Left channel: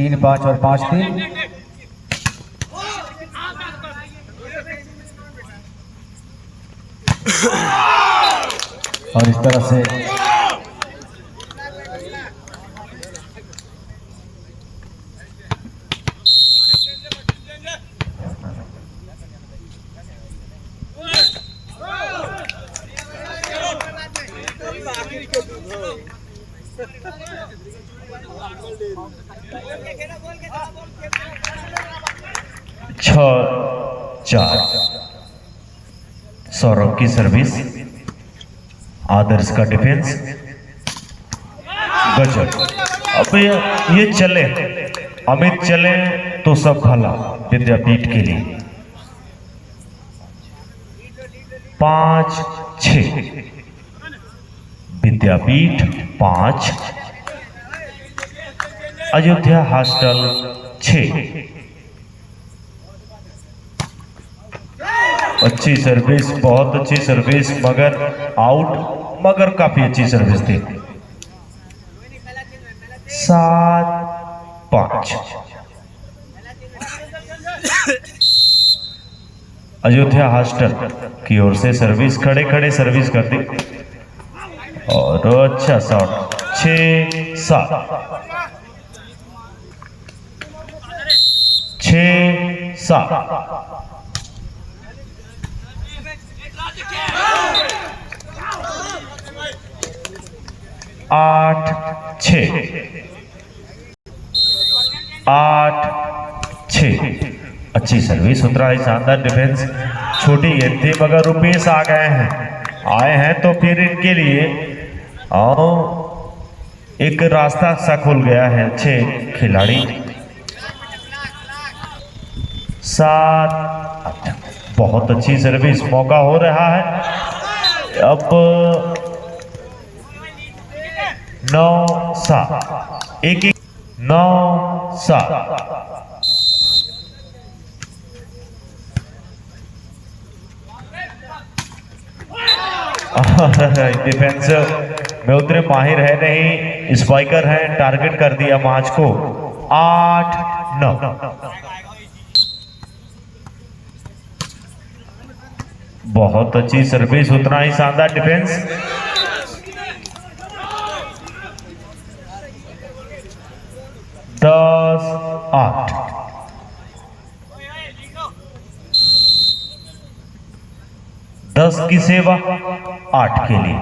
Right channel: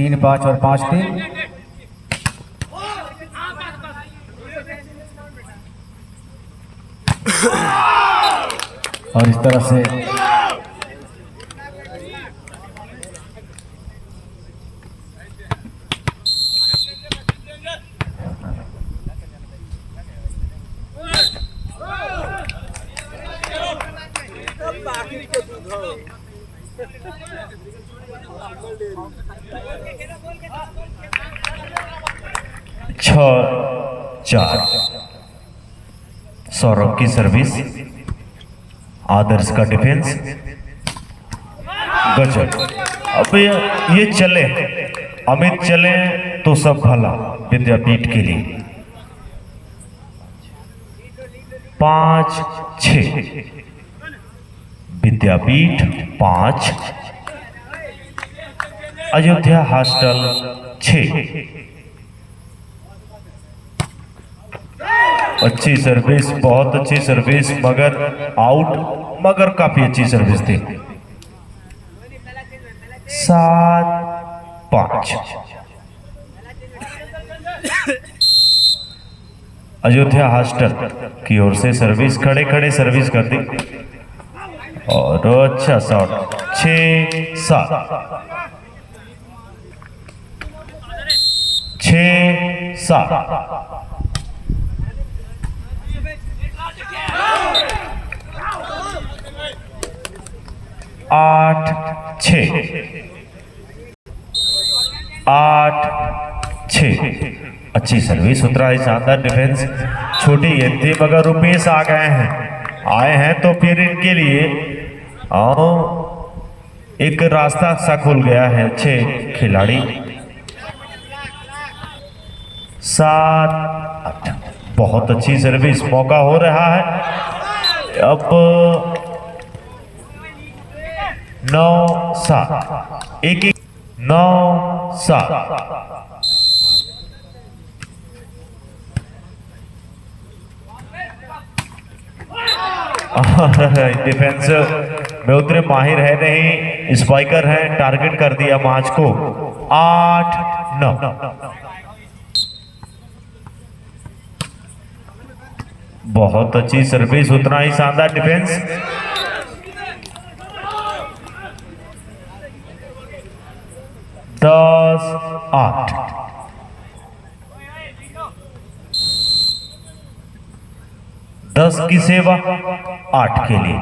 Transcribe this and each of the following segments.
3-5 और 5-3। और इस तरह से 6-4। सौरभ की सर्विस, आदर्श का डिफेंस, गजब। अब ये चले, अमित चले तो सब भला विद्यापीठ के लिए। 5-6 विद्यापीठ 5, अयोध्या हॉस्टल 6। अच्छी सर्विस, बहुत अच्छी सर्विस, मगर आउट, मगर काफी अच्छी सर्विस थी। 7-5 अयोध्या हॉस्टल की ओर से सर्विस, खड़े खड़े सर्विस कर दी और अच्छा शॉट। 6-7 6-7। 8-6 8-6। अच्छी सर्विस, उतरा है, शानदार डिफेंस। छोटी गेंद थी मगर रुपेश आ गए हैं, आए हैं तो फिर इनके लिए एक रास्ता सा खुल गया है। 6 खिलाड़ी। 7-8 बहुत अच्छी सर्विस, मौका हो रहा है अब। 9-7 1-1 9-7। डिफेंस में उतरे माहिर है नहीं, स्पाइकर है, टारगेट कर दिया मैच को। 8-9। बहुत अच्छी सर्विस, उतना ही शानदार डिफेंस। 10-8। 10 की सेवा 8 के लिए।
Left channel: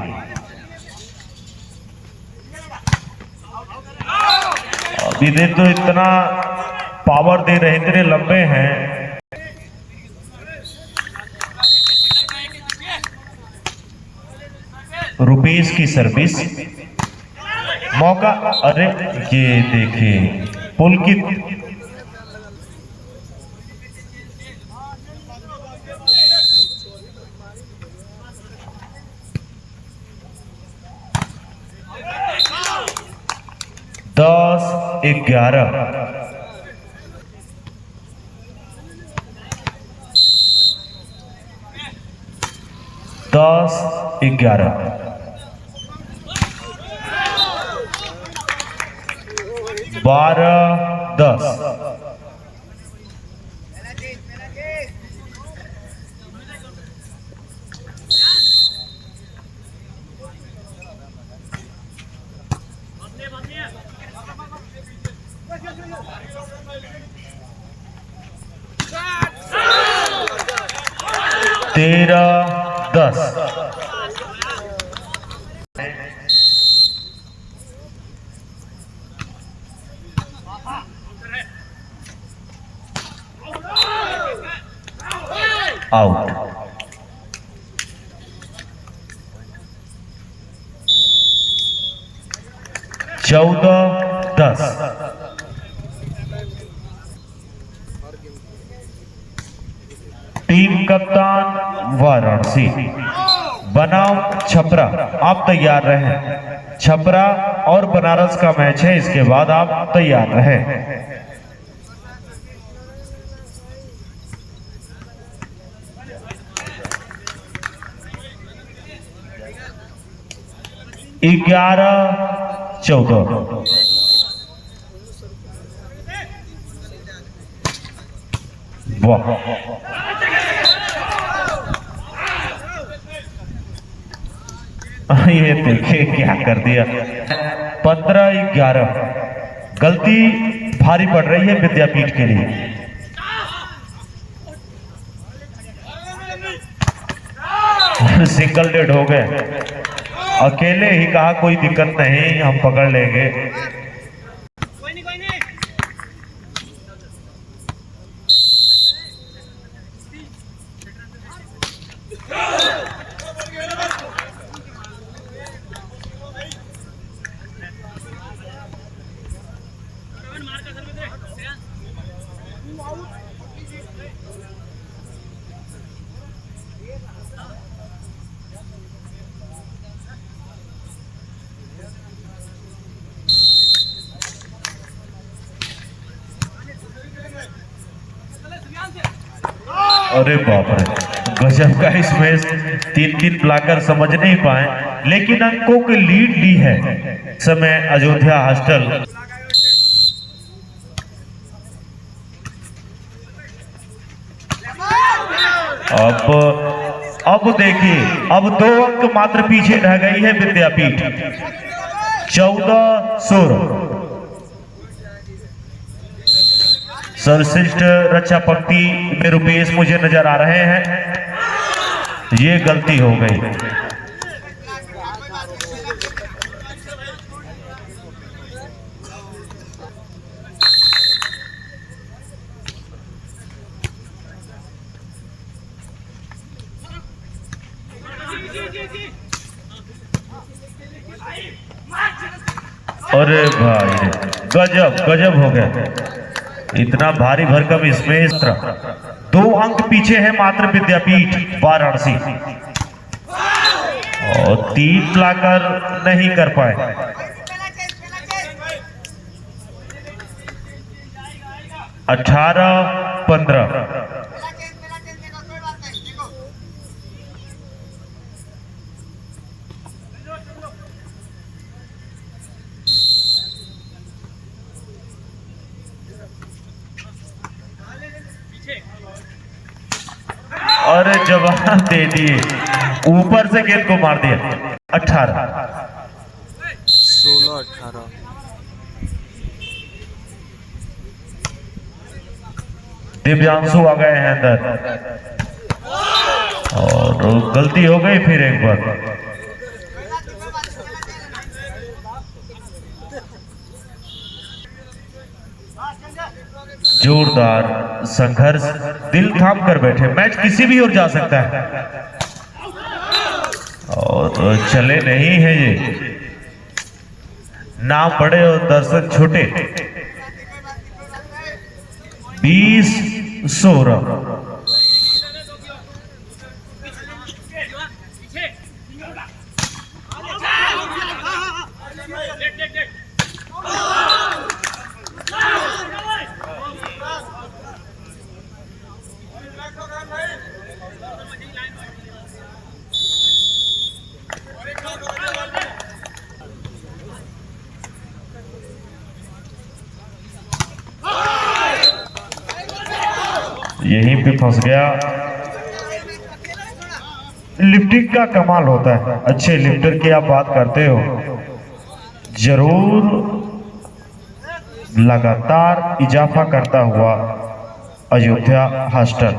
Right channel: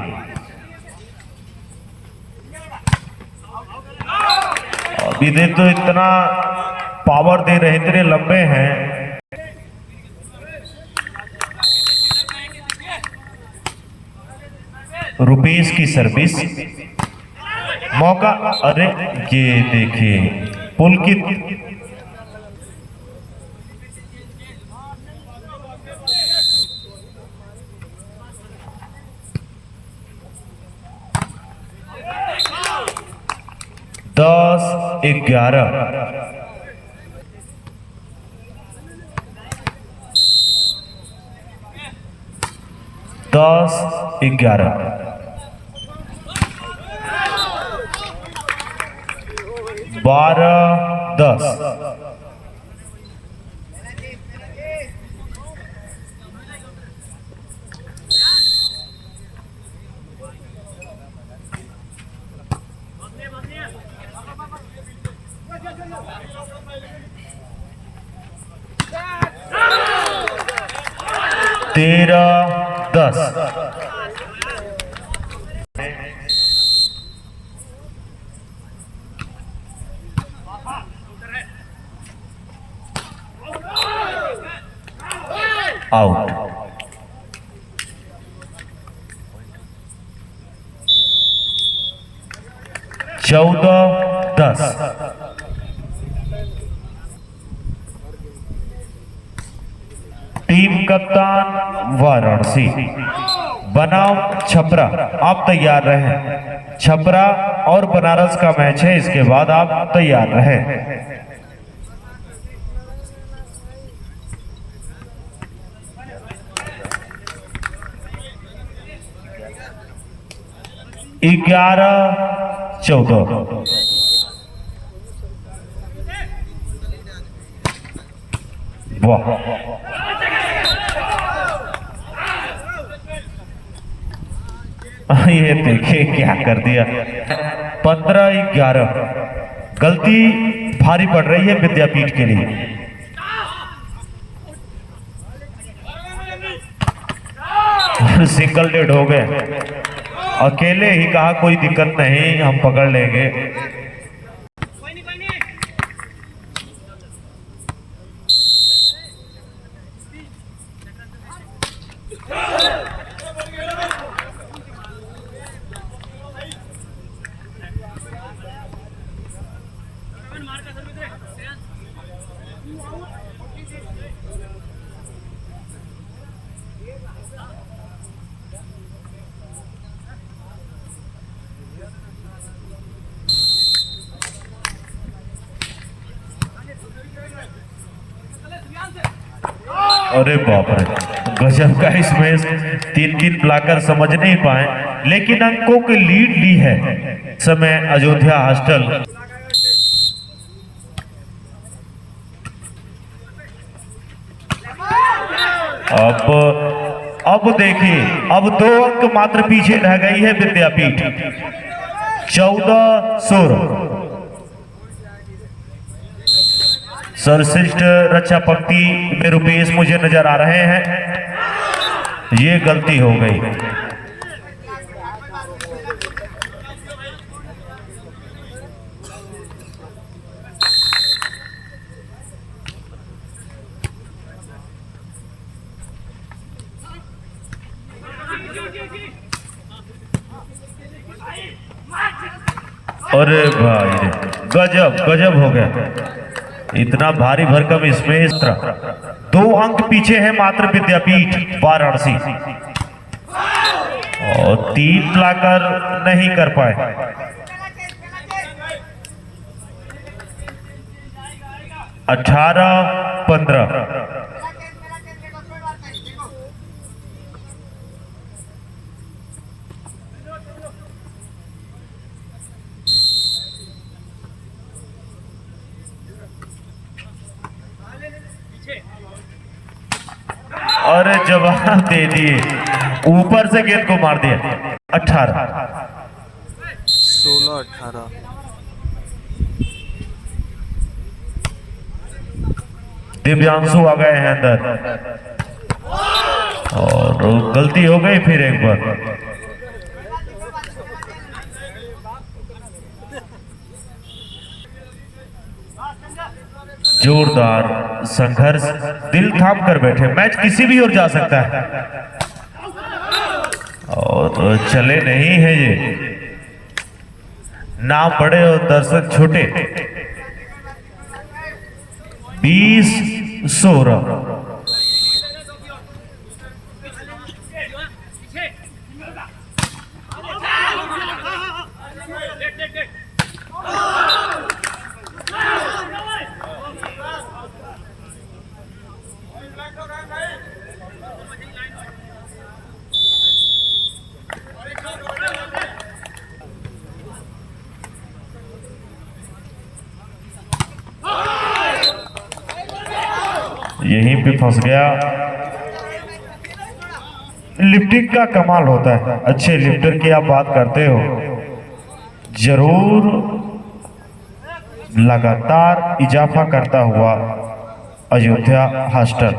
अभी दे तो इतना पावर दे रहे, इतने लंबे हैं। रुपेश की सर्विस, मौका, अरे ये देखिए पुलकित। दस 11। 10-11। 12-10। 13-10। आउट। 14-10। टीम कप्तान वाराणसी बनाम छपरा, आप तैयार रहें। छपरा और बनारस का मैच है, इसके बाद आप तैयार रहें। 11-14। वाह, ये देखिए क्या कर दिया। 15-11 गलती भारी पड़ रही है विद्यापीठ के लिए। सिंगल डेड हो गए। अकेले ही कहा कोई दिक्कत नहीं, हम पकड़ लेंगे। अरे बाप रे, गजब का इसमें 3-3 ब्लॉकर समझ नहीं पाए, लेकिन अंकों की लीड ली है समय अयोध्या हॉस्टल। अब देखिए, अब 2 अंक मात्र पीछे रह गई है विद्यापीठ। 14-16। सर्वश्रेष्ठ रक्षा पंक्ति में रुपेश मुझे नजर आ रहे हैं। ये गलती हो गई। अरे भाई, गजब गजब हो गया। इतना भारी भरकम इसमें 2 अंक पीछे है मात्र विद्यापीठ वाराणसी, और 3 लाकर नहीं कर पाए। 18-15। अरे जवाब दे दिए, ऊपर से गेंद को मार दिया। 16-18। दिव्यांशु आ गए हैं अंदर, और गलती हो गई फिर एक बार। जोरदार संघर्ष, दिल थाम कर बैठे। मैच किसी भी ओर जा सकता है, और तो चले नहीं है ये। नाम बड़े और दर्शक छोटे। 20-16। यहीं पे फंस गया। लिफ्टिंग का कमाल होता है। अच्छे लिफ्टर की आप बात करते हो, जरूर लगातार इजाफा करता हुआ अयोध्या हॉस्टल।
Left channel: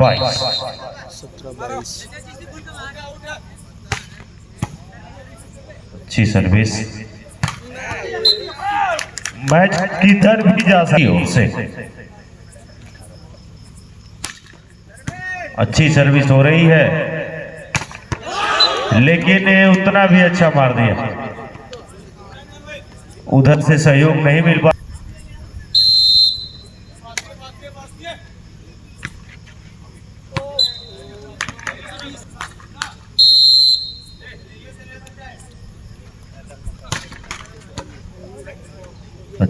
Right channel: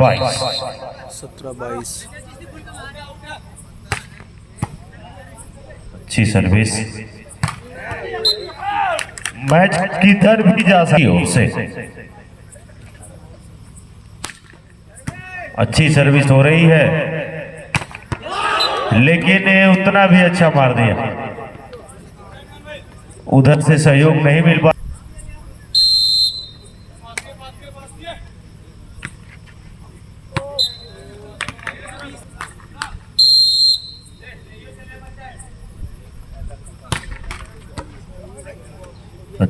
बाईस 17-22। अच्छी सर्विस। मैच किधर भी जा सकती हो उससे। अच्छी सर्विस हो रही है, लेकिन उतना भी अच्छा मार दिया। उधर से सहयोग नहीं मिल पा।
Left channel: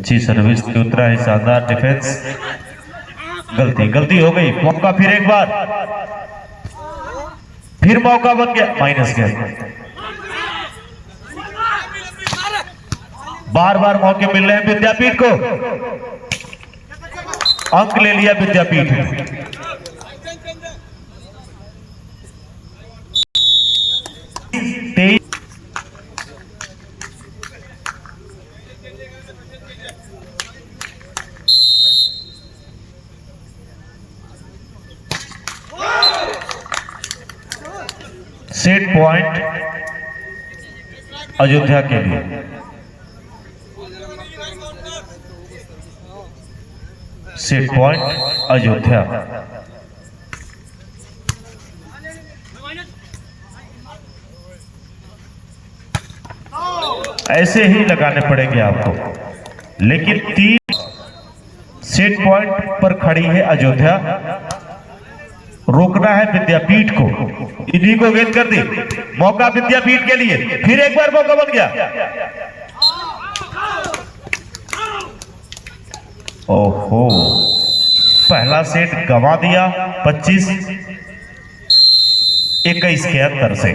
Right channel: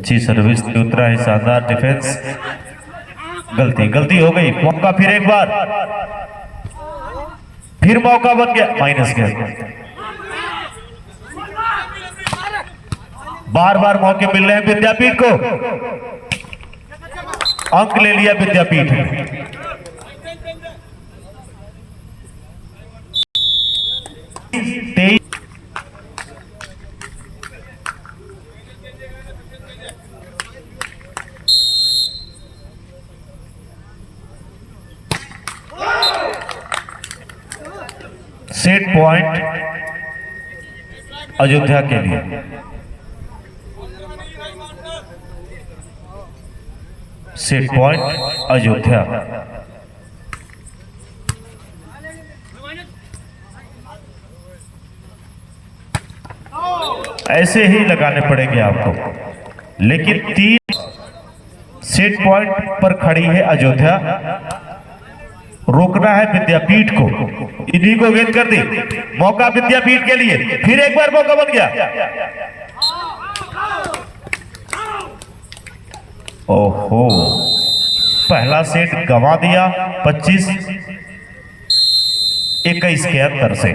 अच्छी सर्विस पे उतरा है, शानदार डिफेंस। गलती हो गई। मौका फिर एक बार, फिर मौका बन गया, माइनस गया। बार बार मौके मिल रहे हैं विद्यापीठ को, अंक ले लिया विद्यापीठ ने। सेट पॉइंट अयोध्या के लिए। Set point Ayodhya. ऐसे ही लगाने पड़ेंगे आपको, लेकिन 3 सेट पॉइंट पर खड़ी है अयोध्या। रोकना है विद्यापीठ को, इन्हीं को गेंद कर दी। मौका विद्यापीठ के लिए, फिर एक बार मौका बन गया। ओहो, पहला सेट गंवा दिया 25-21 के अंतर से।